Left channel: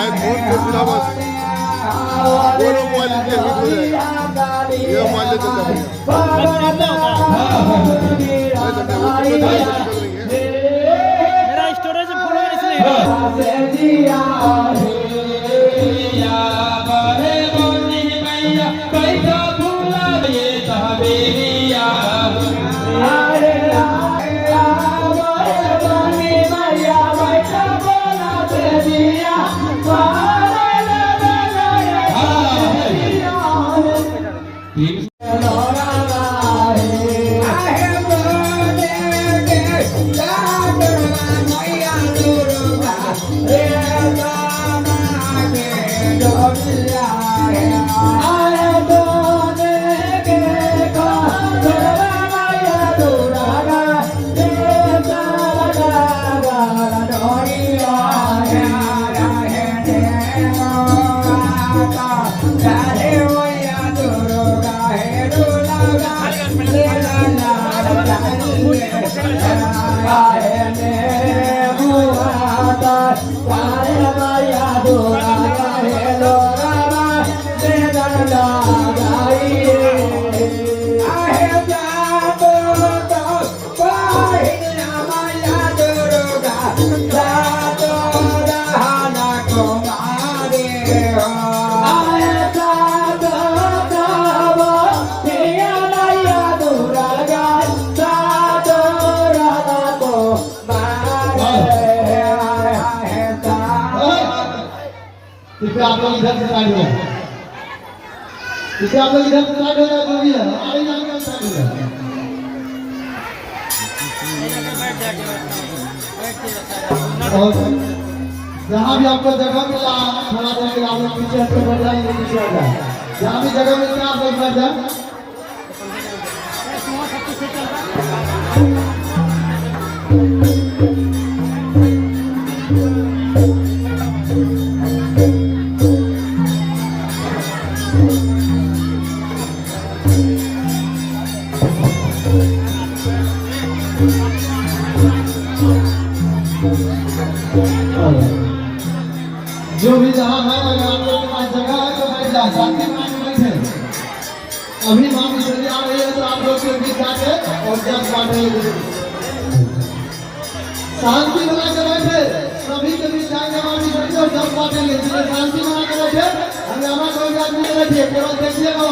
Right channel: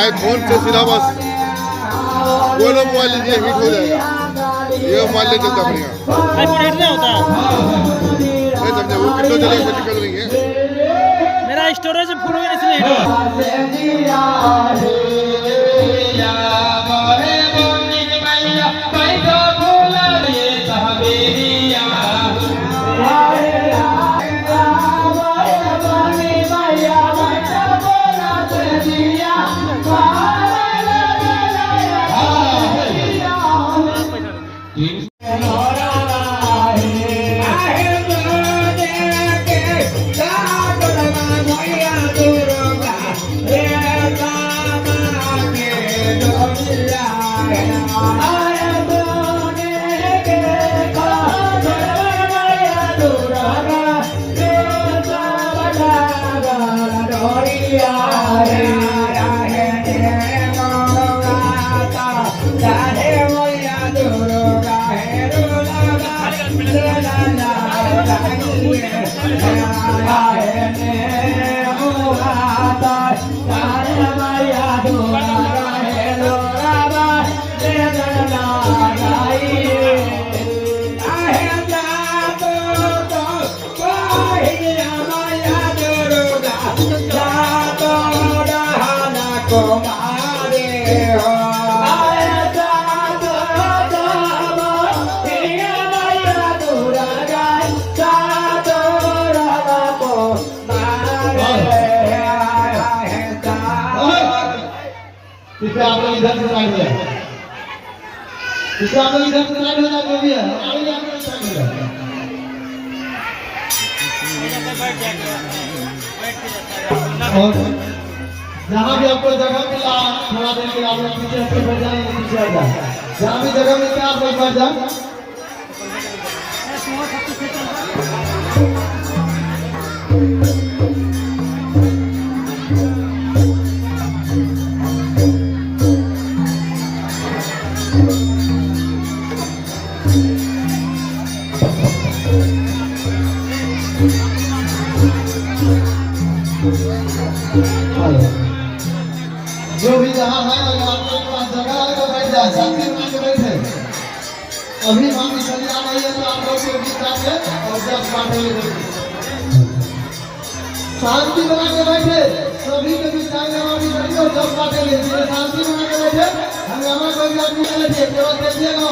आईफोन का सिलेबस बोलो मोबाइल लीजिए हिट हो जाएगा। ये मोबाइल ले चलता बढ़िया आईफोन हिट नहीं होता नहीं समझे वो कितना जगह से निकल रही है। मेरा स्टोरेज फुल है इसलिए इसे आप लोग इधर से साइड हो जाए, इसे आप लोग इधर से साइड हो जाए जो भी है आगे जाकर साइड हो जाए। और जहाँ भी आपको जगह मिला थोड़ा देर के लिए आप लोग पीछे हटके बैठ जाइए, पीछे आ जाए। जहाँ भी जगह मिलती है आप लोग बैठ जाए। जो भी जहाँ है अगर आप लोग के पास जगह है तो बैठ जाए, शांति बना के बैठे। अभी मांग चली आ रही है तो आप लोग के बीच आके और जब मांगे शांति बना के बैठे, सभी के बीच आके मांगे बैठे और जब मांगे शांति बना के बैठे। हमें हमारे कोई आदमी बैठिए, केवल देखिएगा